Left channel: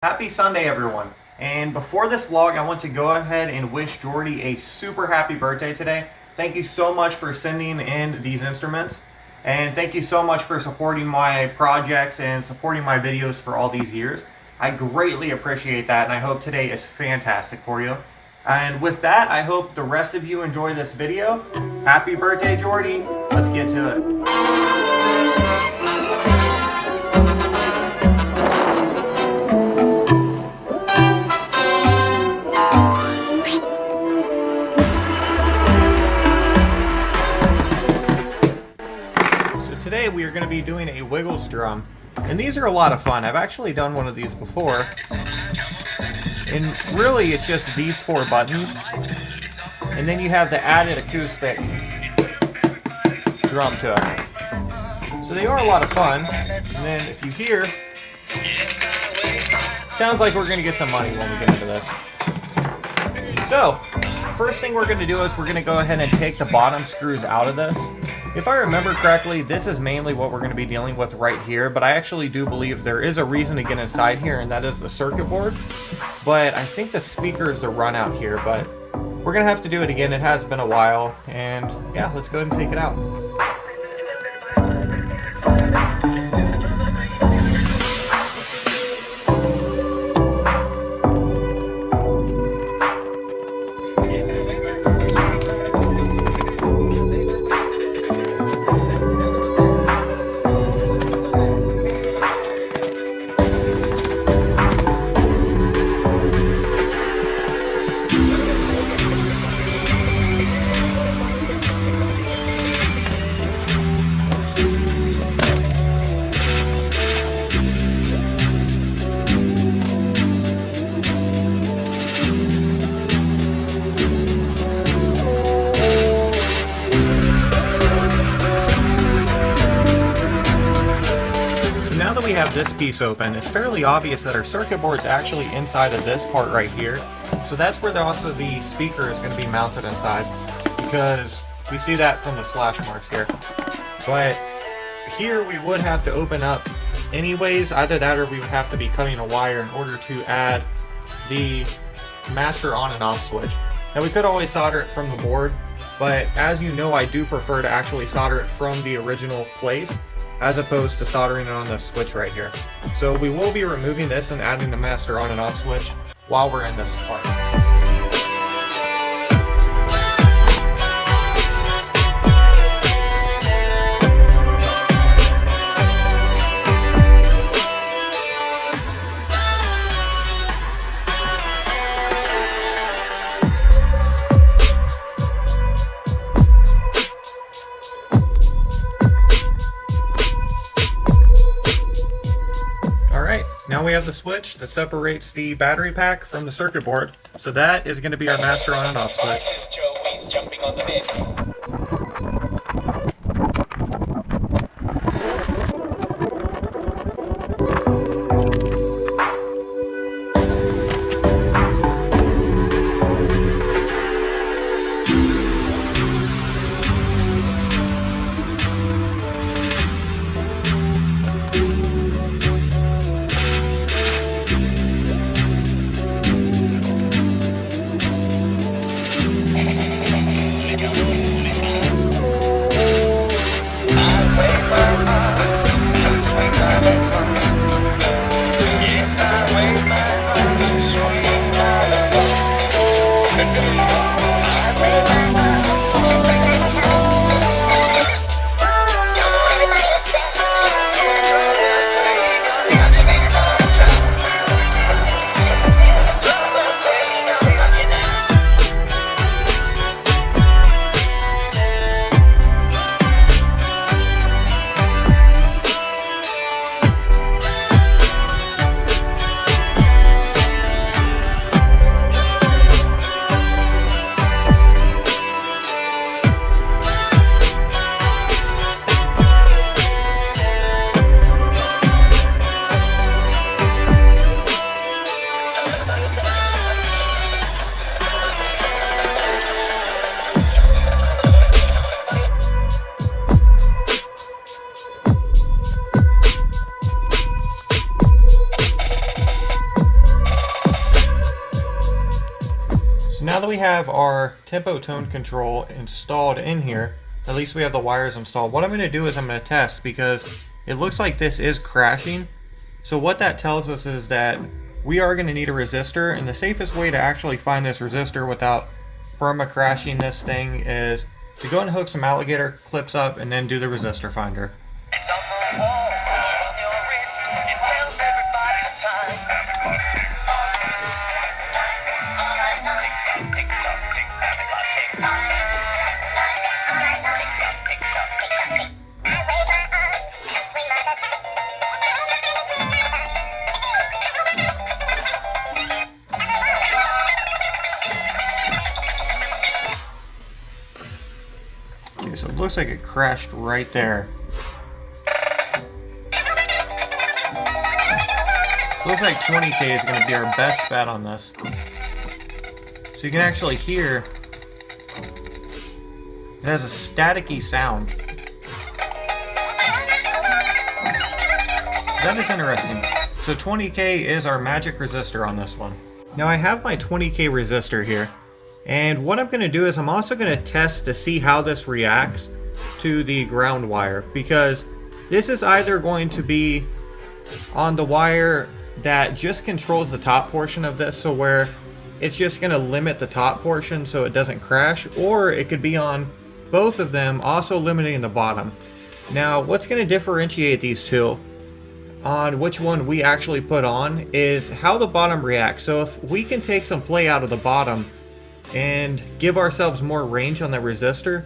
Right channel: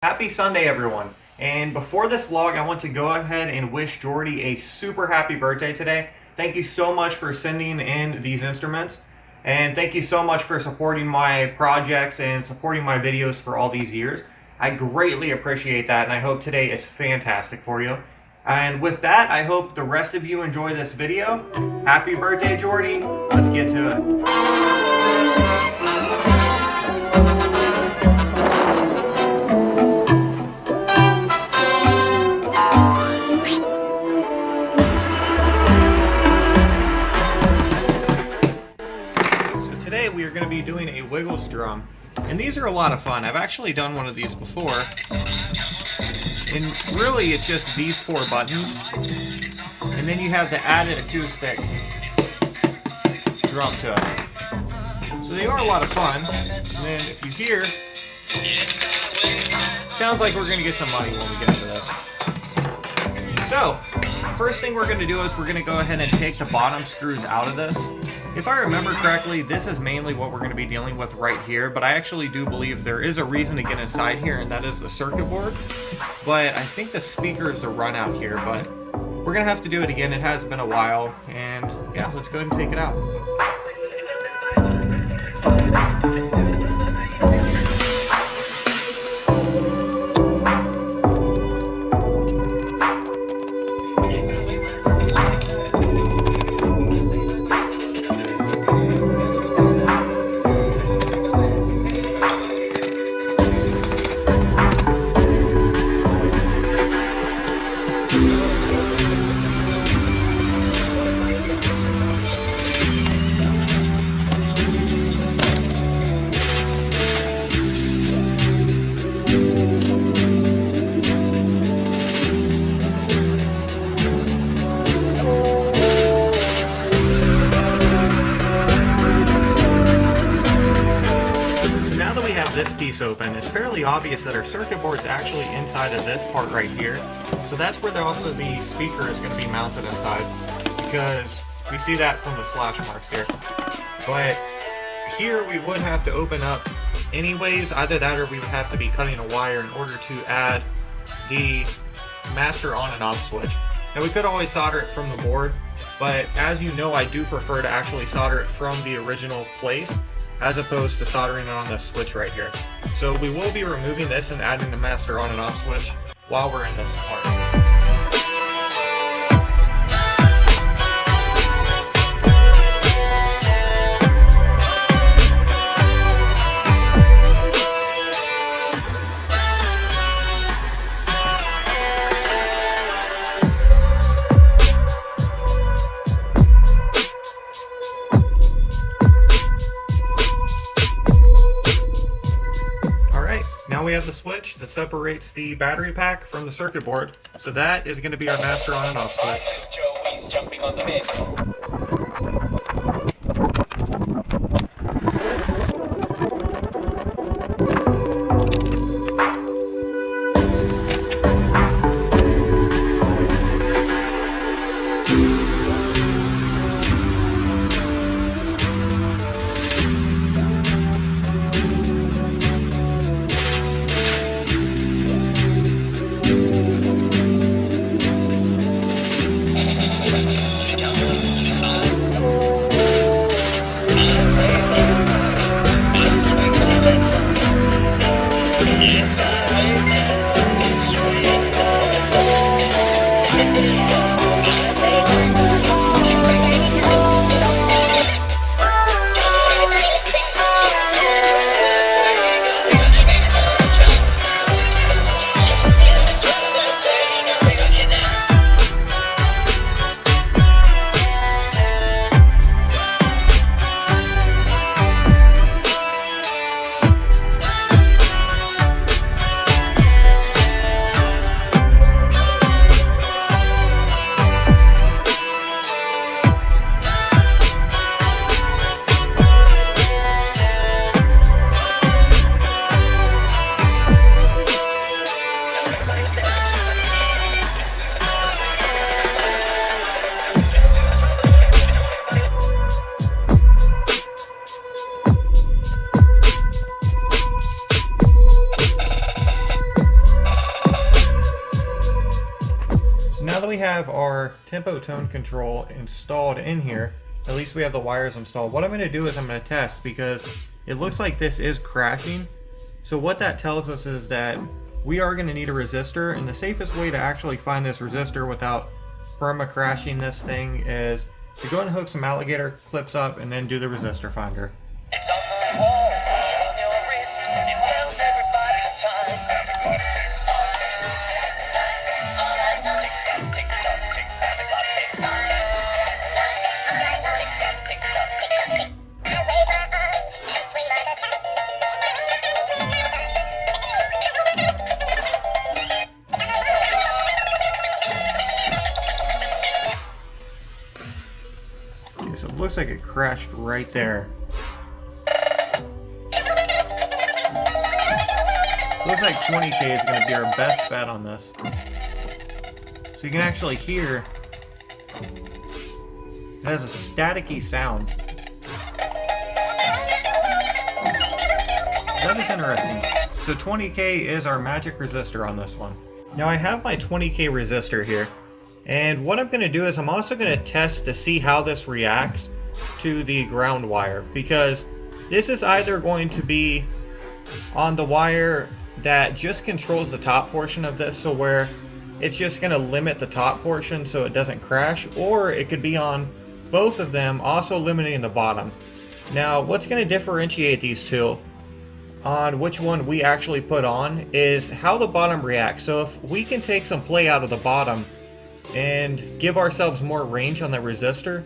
Happy Sunday, everyone. And before this vlog, I want to go ahead and wish Jordy a super happy birthday today. Thank you so much for sending in these instruments. And thank you so much for supporting my projects and supporting my videos for all these years. I greatly appreciate that, and I hope today is fantastic for you. And with that, I hope the rest of you enjoy this video. Happy birthday, Jordy. Let's get to it. Today we are going to be doing a Wiggles drum, and these are a lot of fun. I've actually done one of these before, and really it's just these four buttons, and then you have the added acoustic drum to it. So they are a lot of fun, and then if you hear, sounds like we're going to get some money when we get into this. So, first thing we're going to do is we're going to go ahead and take the bottom screws out of this. If I remember correctly, this is mainly what we're going to be dealing with right here, but I actually do believe there is a reason to get inside here, and that is the circuit board. But I think the speaker is the run out here, but we're going to have to do it again. It has been a while, and yeah, let's go ahead and take it out. This piece open, it's fairly obvious that our circuit board is actually inside of this part right here. So that's where also the speaker is going to be mounted inside, because we see that from the slash marks here. But here we would have to open up anyways, either that or we would have to be cutting a wire in order to add the master on and off switch. Now we could always solder it from the board, but as you know, I do prefer to actually solder it from the original place as opposed to soldering it on the switch right here. So we will be removing this and adding the master on and off switch while we're in this part. Now we have the switch that separates the battery pack from the circuit board. So that is going to be our master on and off switch. Jumping on the mix. that we have our tempo tone control installed in here, at least we have the wires installed, what I'm going to do is I'm going to test, because it looks like this is crashing. So what that tells us is that we are going to need a resistor, and the safest way to actually find this resistor without perma crashing this thing is to go and hook some alligator clips up and then do the resistor finder. So it looks like it crashed right there. So it looks like 20K is going to be our best bet on this. So you can actually hear it has a staticky sound. That is interesting. So 20K is our magic resistor on this one. Now I have my 20K resistor here. And what I'm going to do is I'm also going to test to see how this reacts to the ground wire, because this is either going to be on the wire that just controls the top portion of this, so where it's just going to limit the top portion so it doesn't crash, or it could be on both of them, also limiting the bottom. Now what's going to differentiate these two on which one we actually put on is how the bottom reacts. So if we can take some play out of the bottom and give ourselves more range on the resistor,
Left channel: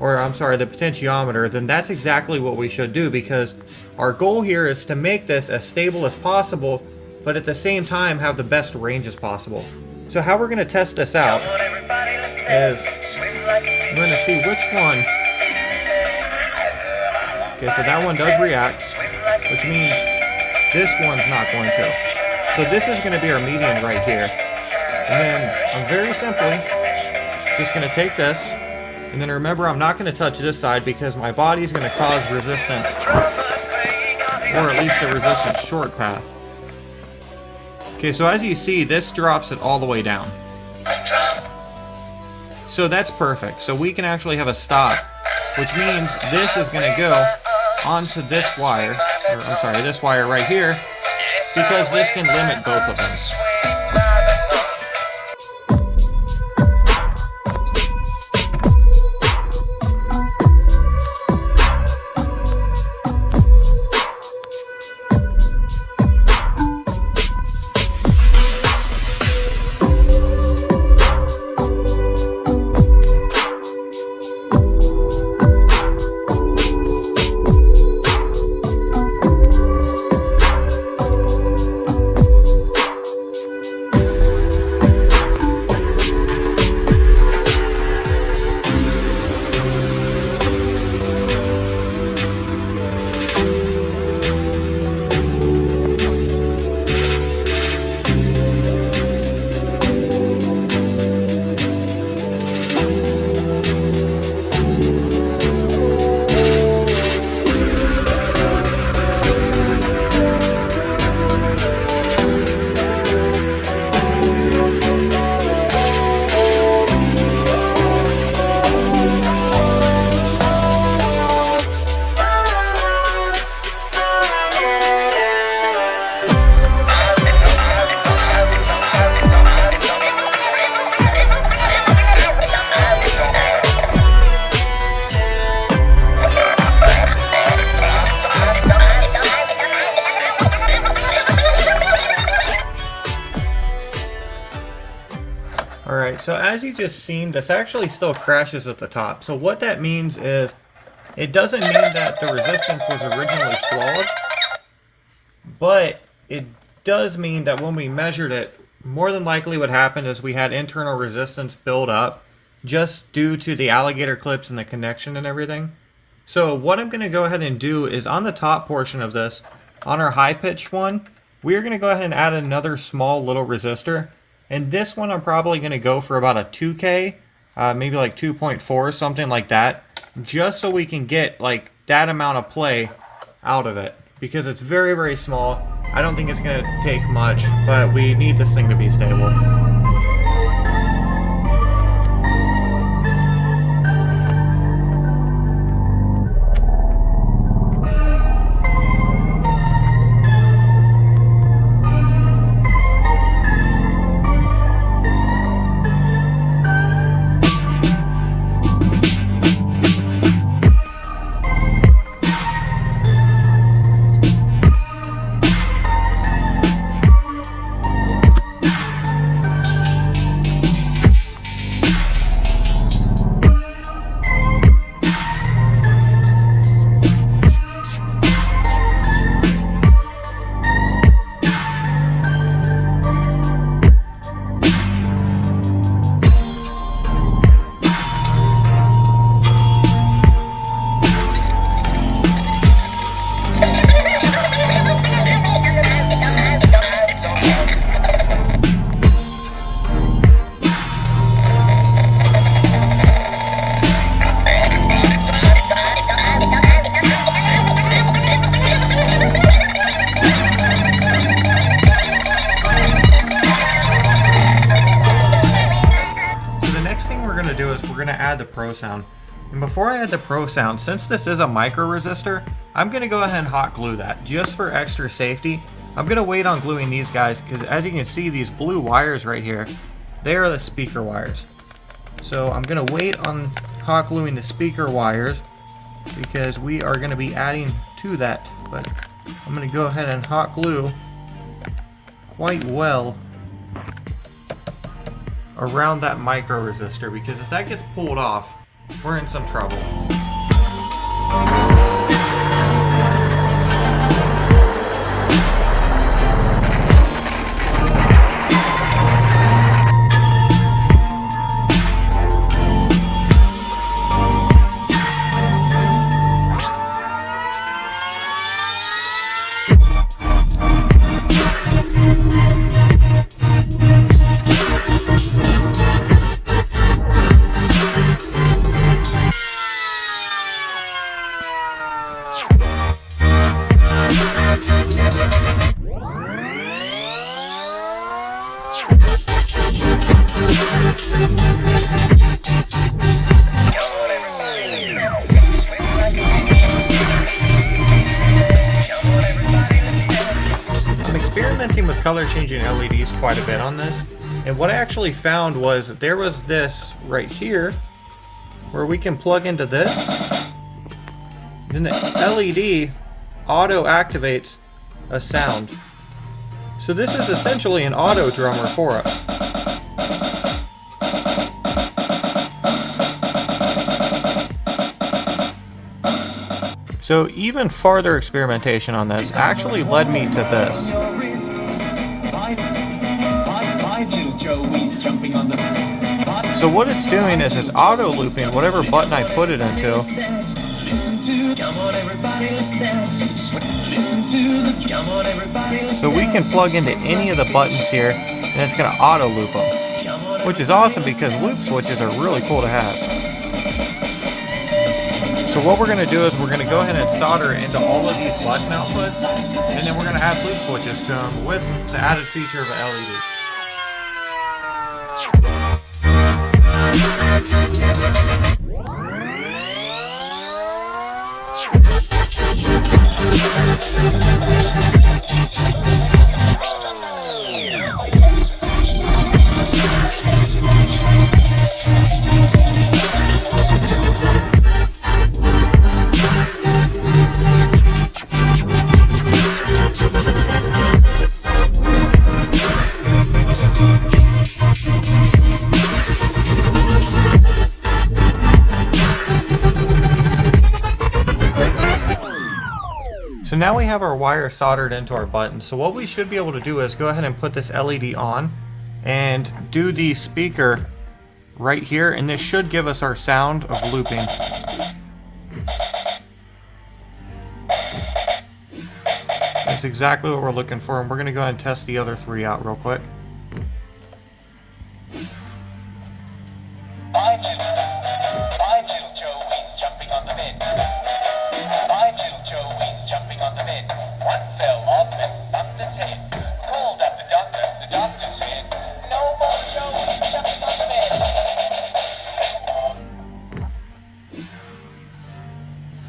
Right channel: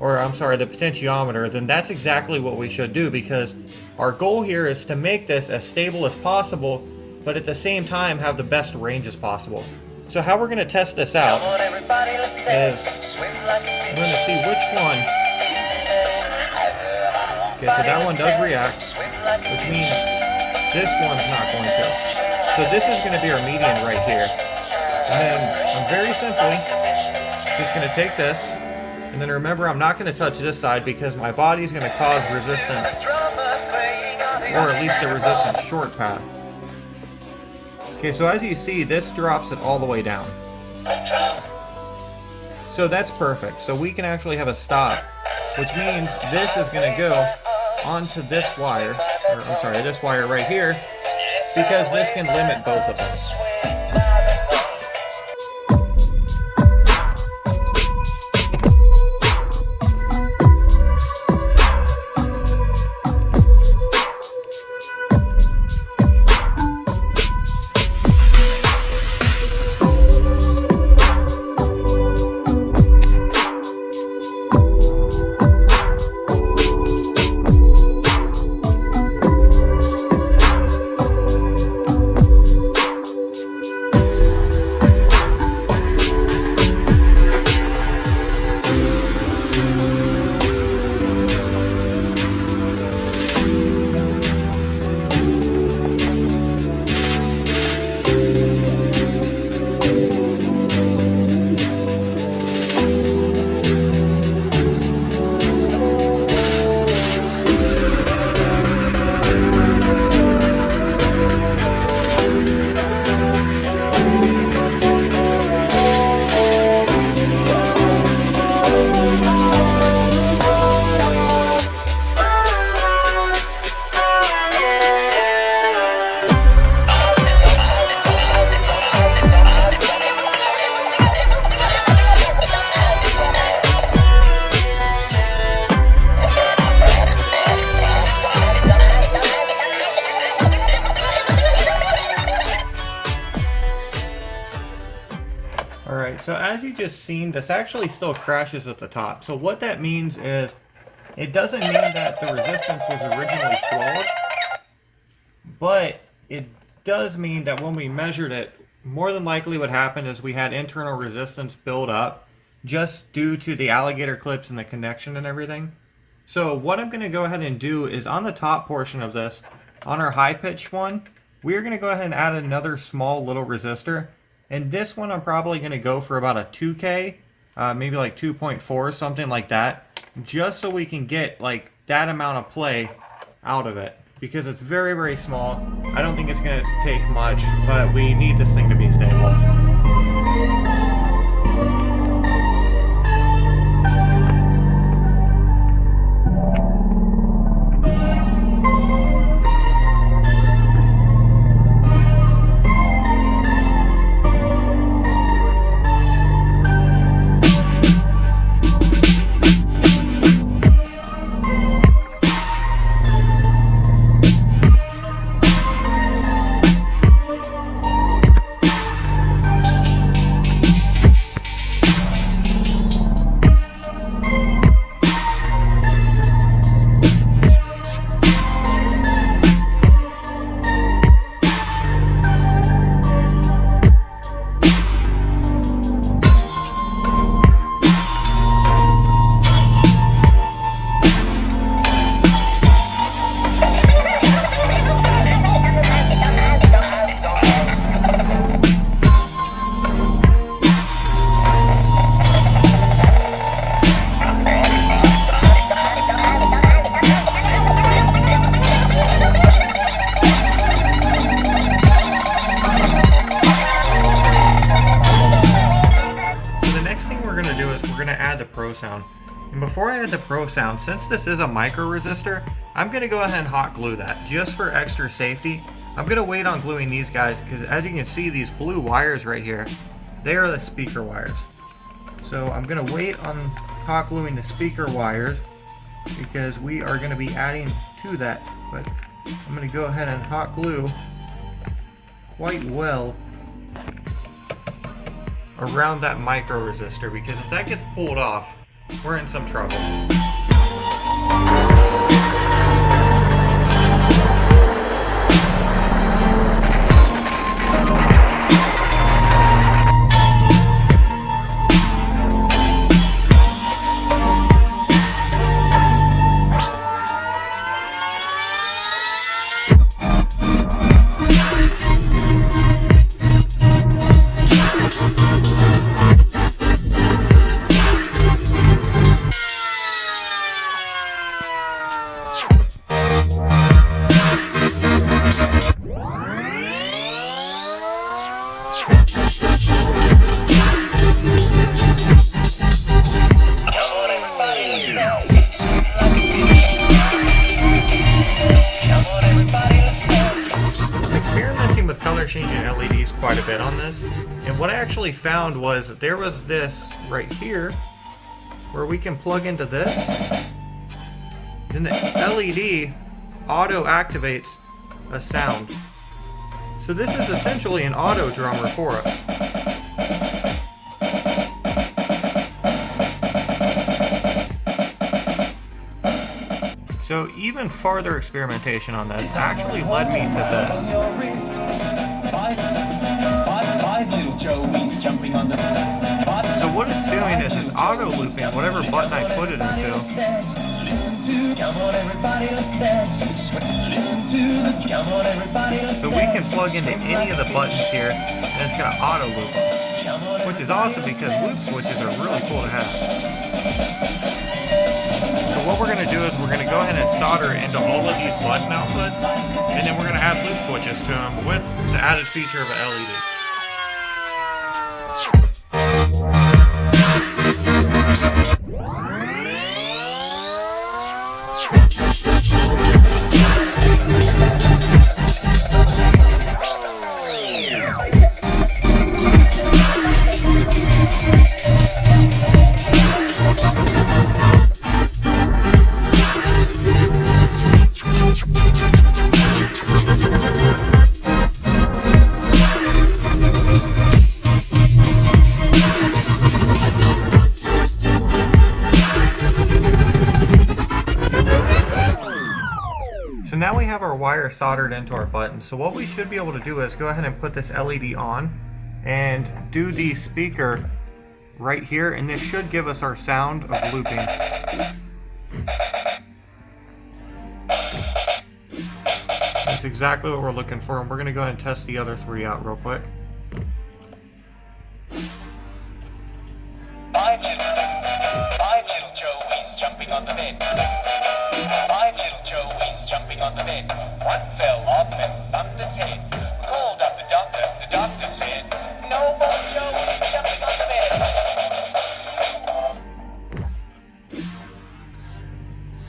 or I'm sorry, the potentiometer, then that's exactly what we should do, because our goal here is to make this as stable as possible, but at the same time have the best range as possible. So how we're going to test this out is we're going to see which one. Okay, so that one does react, which means this one's not going to. So this is going to be our median right here. And then I'm very simply just going to take this, and then remember I'm not going to touch this side because my body is going to cause resistance, or at least the resistance short path. Okay, so as you see, this drops it all the way down. So that's perfect. So we can actually have a stop, which means this is going to go onto this wire, or I'm sorry, this wire right here, because this can limit both of them. Alright, so as you just seen, this actually still crashes at the top. So what that means is, it doesn't mean that the resistance was originally flawed, but it does mean that when we measured it, more than likely what happened is we had internal resistance build up, just due to the alligator clips and the connection and everything. So what I'm going to go ahead and do is on the top portion of this, on our high pitch one, we're going to go ahead and add another small little resistor. And this one I'm probably going to go for about a 2K, maybe like 2.4, something like that, just so we can get like that amount of play out of it, because it's very, very small. I don't think it's going to take much, but we need this thing to be stable. Prosound. And before I add the Prosound, since this is a micro resistor, I'm going to go ahead and hot glue that just for extra safety. I'm going to wait on gluing these guys because as you can see, these blue wires right here, they are the speaker wires. So I'm going to wait on hot gluing the speaker wires because we are going to be adding to that. But I'm going to go ahead and hot glue quite well around that micro resistor, because if that gets pulled off, we're in some trouble. Experimenting with color changing LEDs quite a bit on this, and what I actually found was that there was this right here where we can plug into this, then the LED auto activates a sound. So this is essentially an auto drummer for us. So even farther experimentation on this actually led me to this. So what it's doing is it's auto looping whatever button I put it into. So we can plug into any of the buttons here and it's going to auto loop them, which is awesome because loop switches are really cool to have. So what we're going to do is we're going to go ahead and solder into all of these button outputs, and then we're going to add loop switches to them with the added feature of an LED. So now we have our wire soldered into our button. So what we should be able to do is go ahead and put this LED on and do the speaker right here, and this should give us our sound of looping. That's exactly what we're looking for, and we're going to go ahead and test the other three out real quick.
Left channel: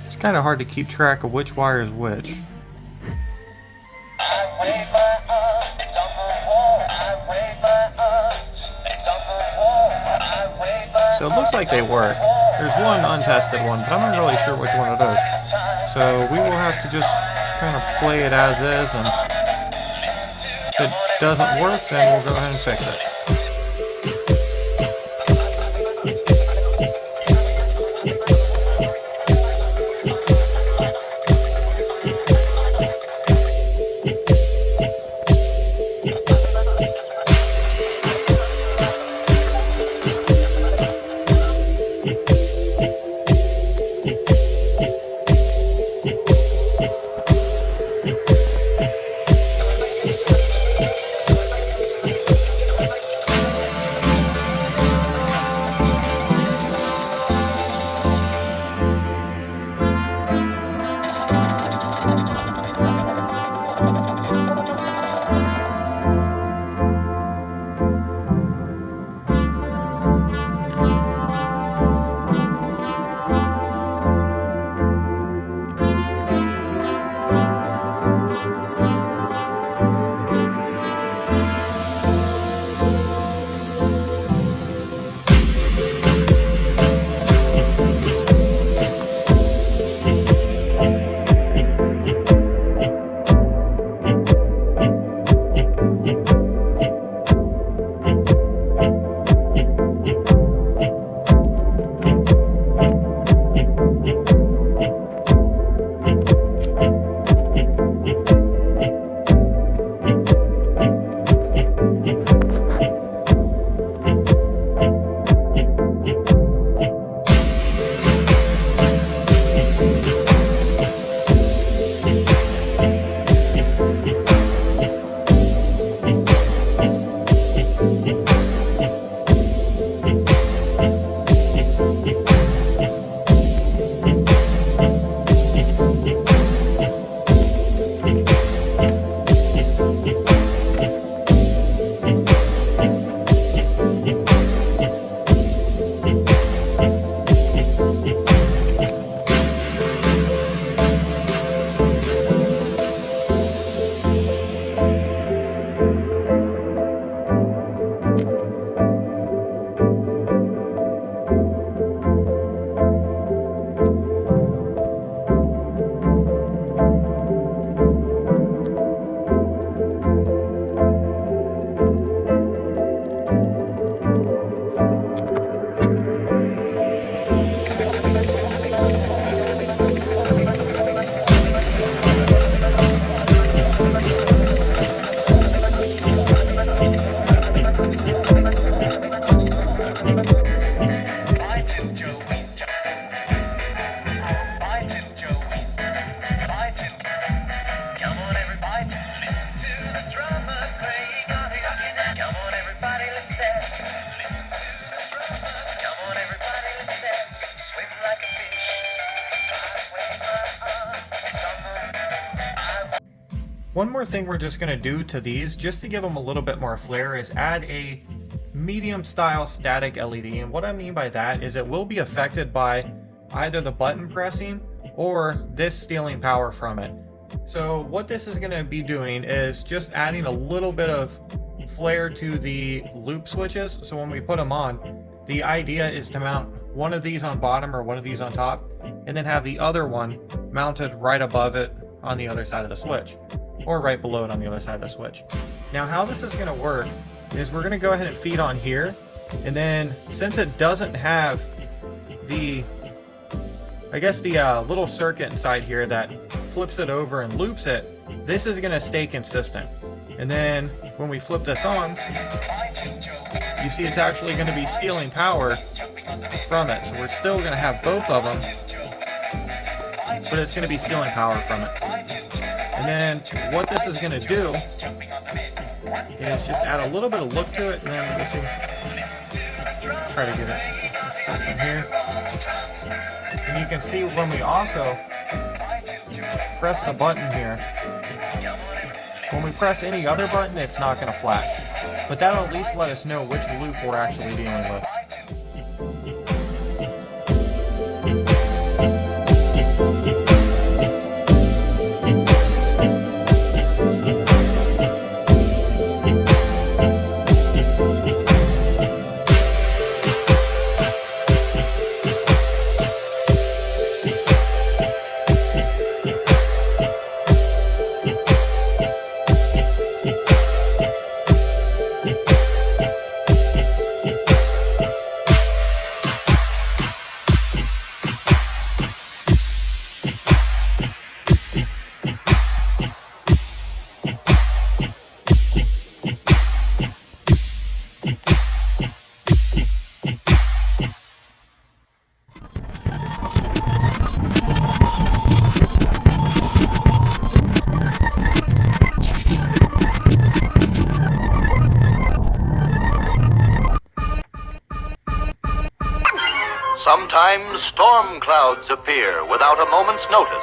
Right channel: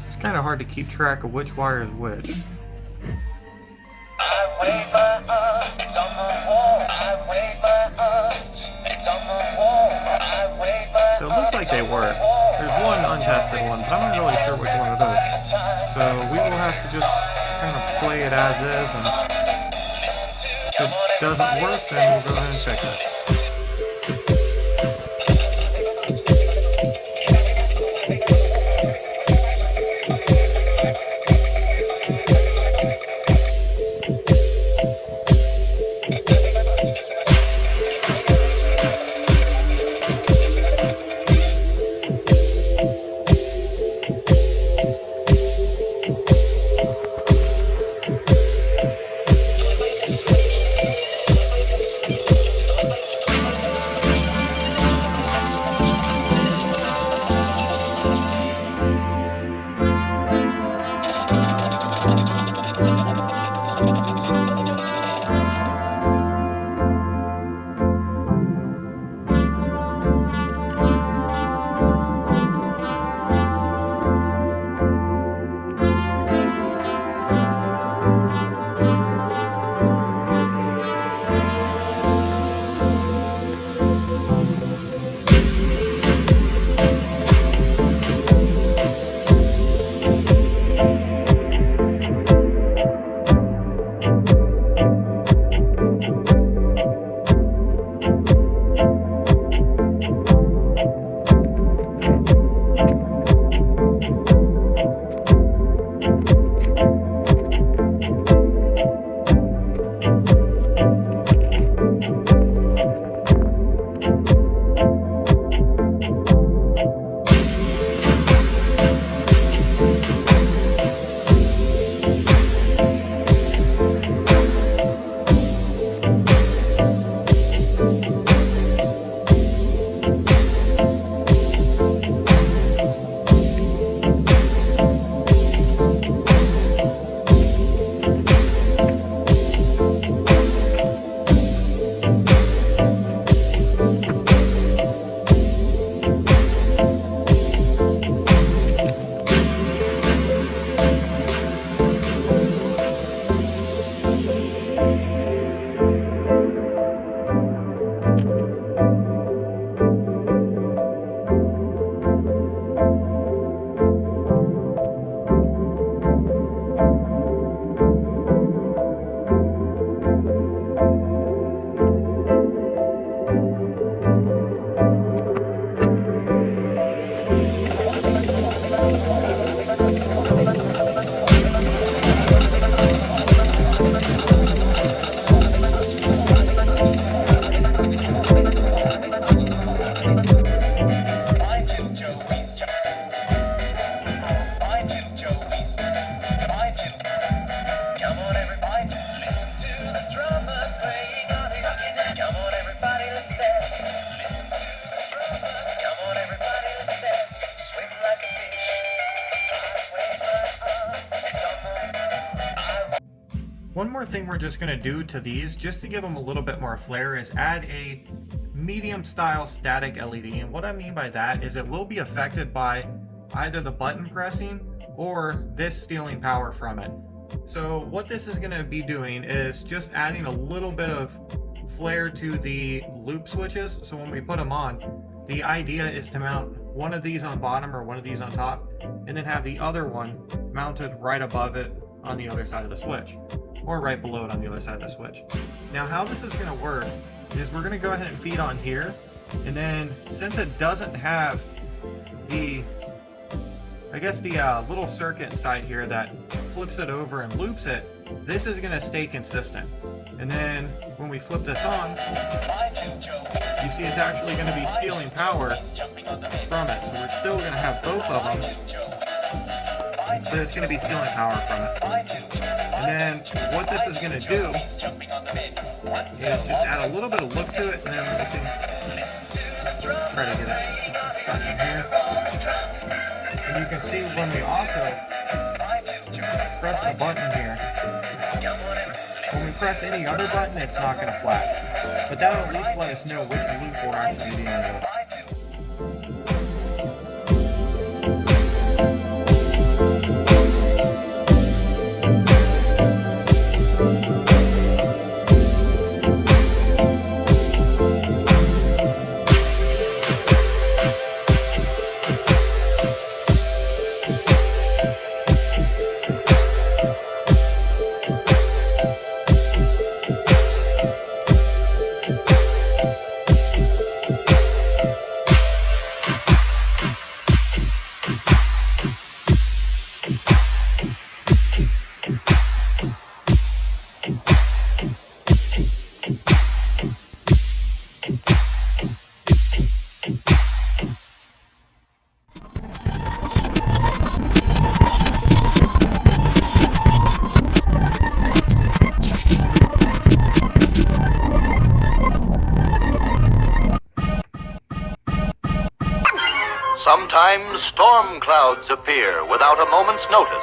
It's kind of hard to keep track of which wire is which. So it looks like they work. There's one untested one, but I'm not really sure which one it is. So we will have to just kind of play it as is, and if it doesn't work, then we'll go ahead and fix it. thing we're just going to do to these, just to give them a little bit more flair, is add a medium style static LED. And what I mean by that is it will be affected by either the button pressing or this stealing power from it. So what this is going to be doing is just adding a little bit of flair to the loop switches. So when we put them on, the idea is to mount one of these on bottom or one of these on top, and then have the other one mounted right above it on the other side of the switch, or right below it on the other side of the switch. Now how this is going to work is we're going to go ahead and feed on here, and then since it doesn't have the, I guess the little circuit inside here that flips it over and loops it, this is going to stay consistent. And then when we flip this on, you see it's actually going to be stealing power from it. So we're still going to have both of them, but it's going to be stealing power from it. And then what this is going to do is just add a little bit of look to it. And let's see, try to get it system here. And you can see when we also press the button here, when we press any other button, it's not going to flash. But that'll at least let us know which loop we're actually dealing with. Sometimes storm clouds appear without a moment's notice.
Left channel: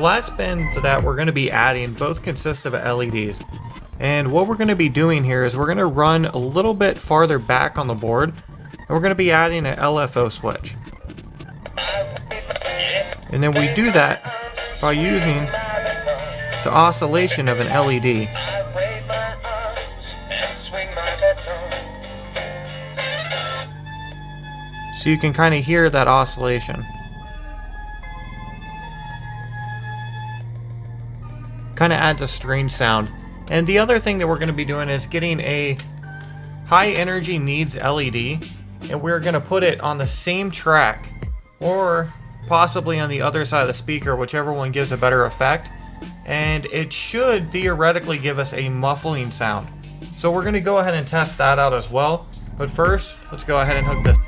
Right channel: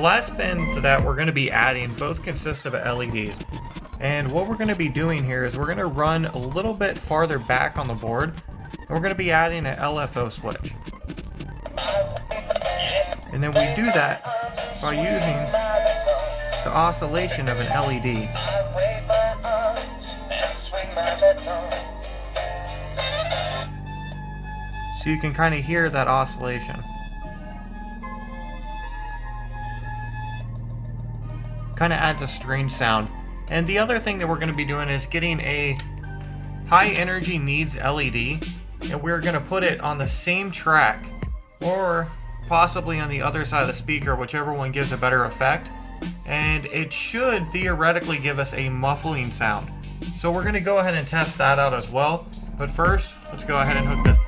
Last bend to that we're going to be adding both consist of LEDs, and what we're going to be doing here is we're going to run a little bit farther back on the board, and we're going to be adding an LFO switch. And then we do that by using the oscillation of an LED. So you can kind of hear that oscillation. Kind of adds a strange sound. And the other thing that we're going to be doing is getting a high energy needs LED, and we're going to put it on the same track or possibly on the other side of the speaker, whichever one gives a better effect, and it should theoretically give us a muffling sound. So we're going to go ahead and test that out as well, but first let's go ahead and hook this.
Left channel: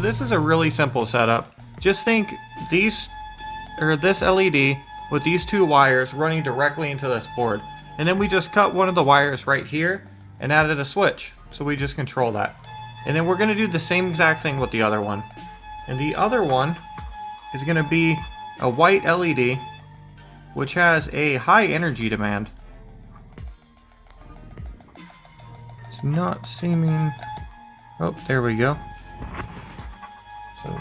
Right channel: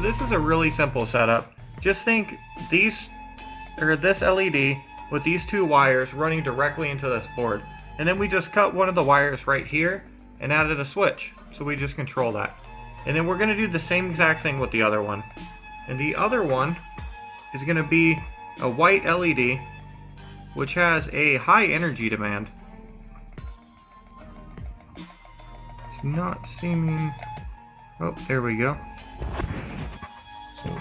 This is a really simple setup. Just think this LED with these two wires running directly into this board, and then we just cut one of the wires right here and added a switch, so we just control that. And then we're going to do the same exact thing with the other one, and the other one is going to be a white LED which has a high energy demand. It's not seeming... oh, there we go. So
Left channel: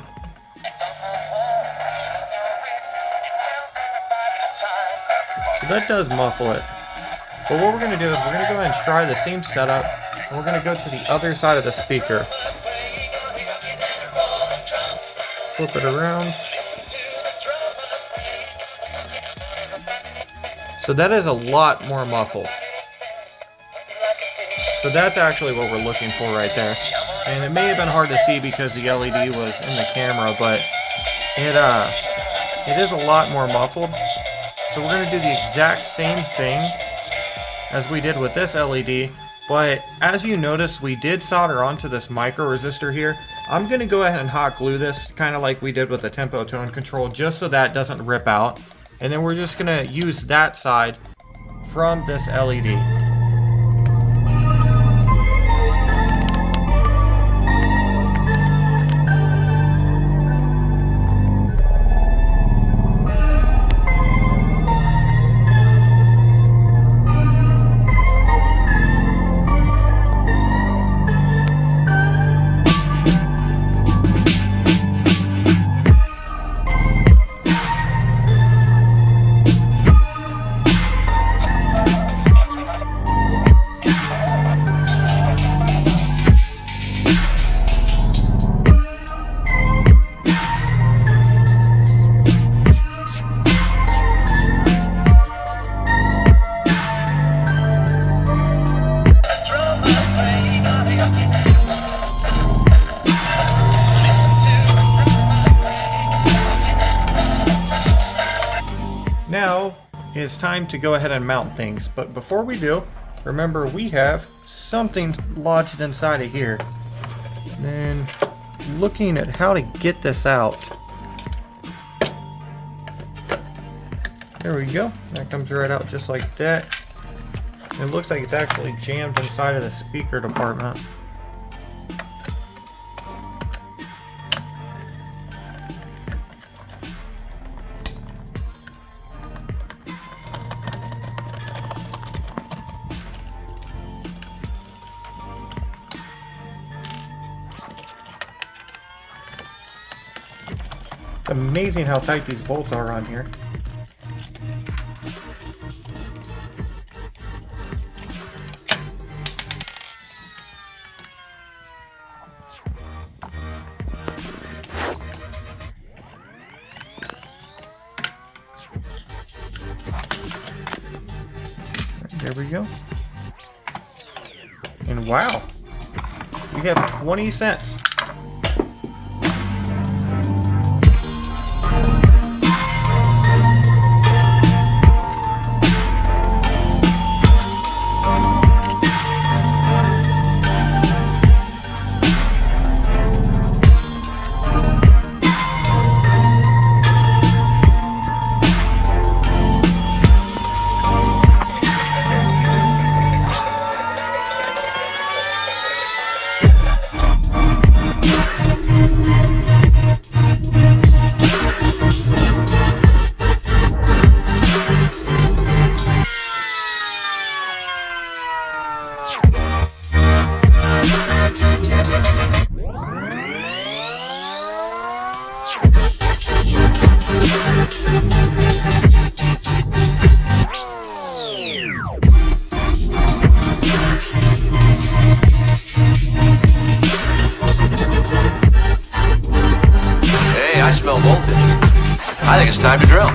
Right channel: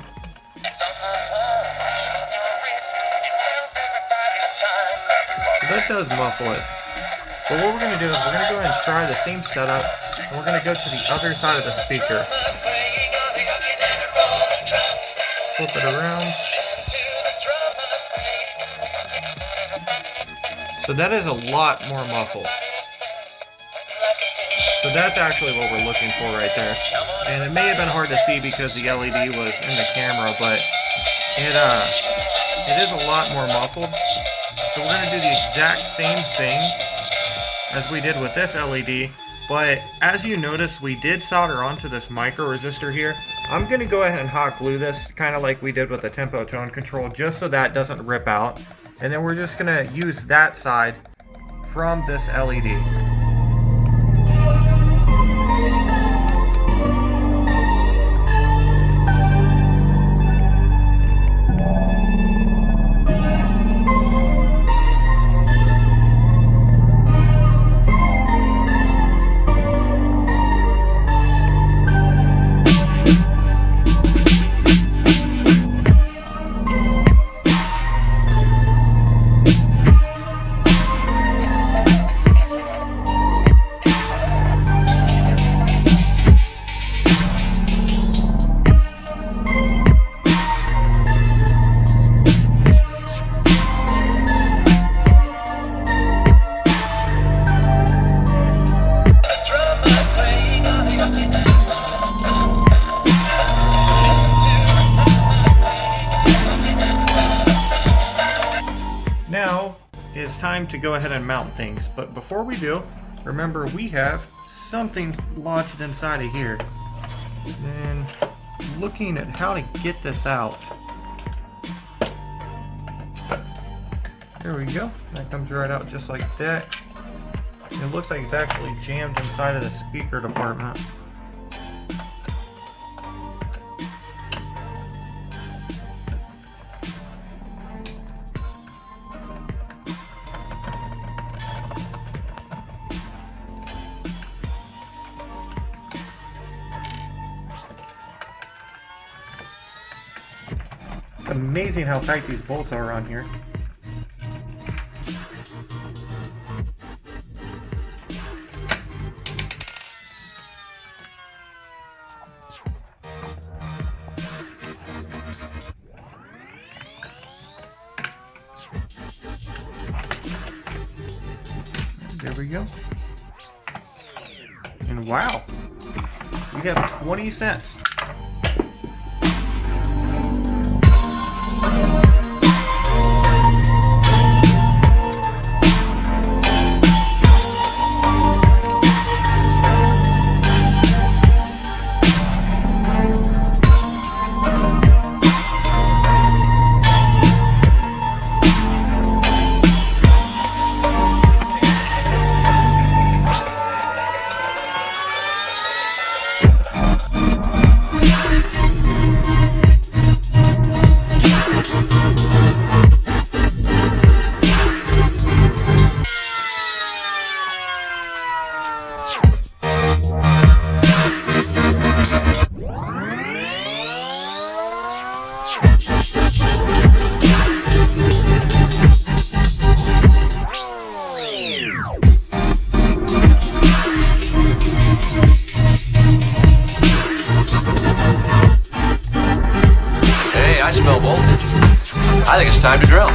that does muffle it. But what we're going to do is we're going to go ahead and try the same setup, and we're going to go to the other side of the speaker. Flip it around. So that is a lot more muffled. So that's actually what we're looking for right there. And it may have been hard to see because the LED was in the camera, but it is a lot more muffled. So we're going to do the exact same thing as we did with this LED, but as you notice, we did solder onto this micro resistor here. I'm going to go ahead and hot glue this, kind of like we did with the tempo tone control, just so that doesn't rip out. And then we're just going to use that side from this LED. Now it's time to go ahead and mount things, but before we do, remember we have something lodged inside of here. And looking at how to get this out. There we go. That comes right out just like that. And it looks like it's actually jammed inside of the speaker department. It's amazing how tight these bolts are on here. There we go. And wow, we have 20 cents. I smell voltage. I think it's time to drill.